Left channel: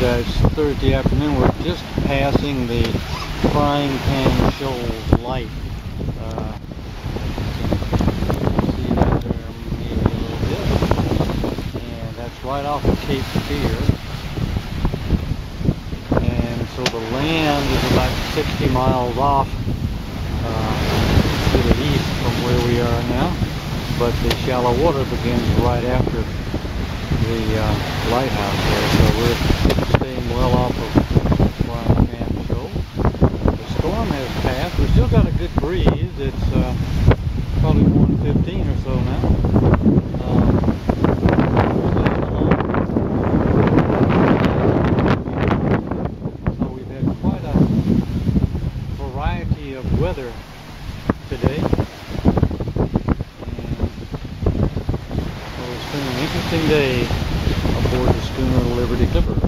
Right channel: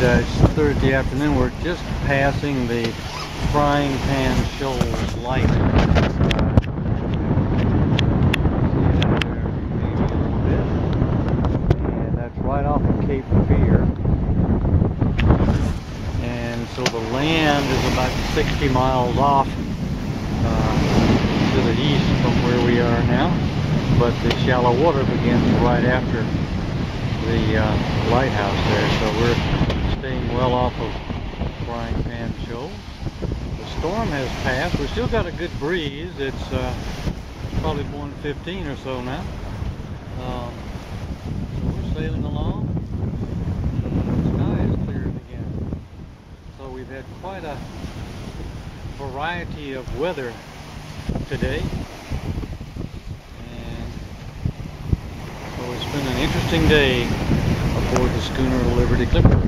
It's Thursday afternoon. We're just passing the frying pan shoals light. See that there maybe a little bit. And that's right off of Cape Fear. And so the land is about 60 miles off to the east from where we are now. But the shallow water begins right after the lighthouse there. So we're staying well off of Frying Pan Shoals. The storm has passed. We've still got a good breeze. It's probably 1:15 or so now. We're staying along. So we've had quite a variety of weather today. It's been an interesting day aboard the schooner Liberty Clipper.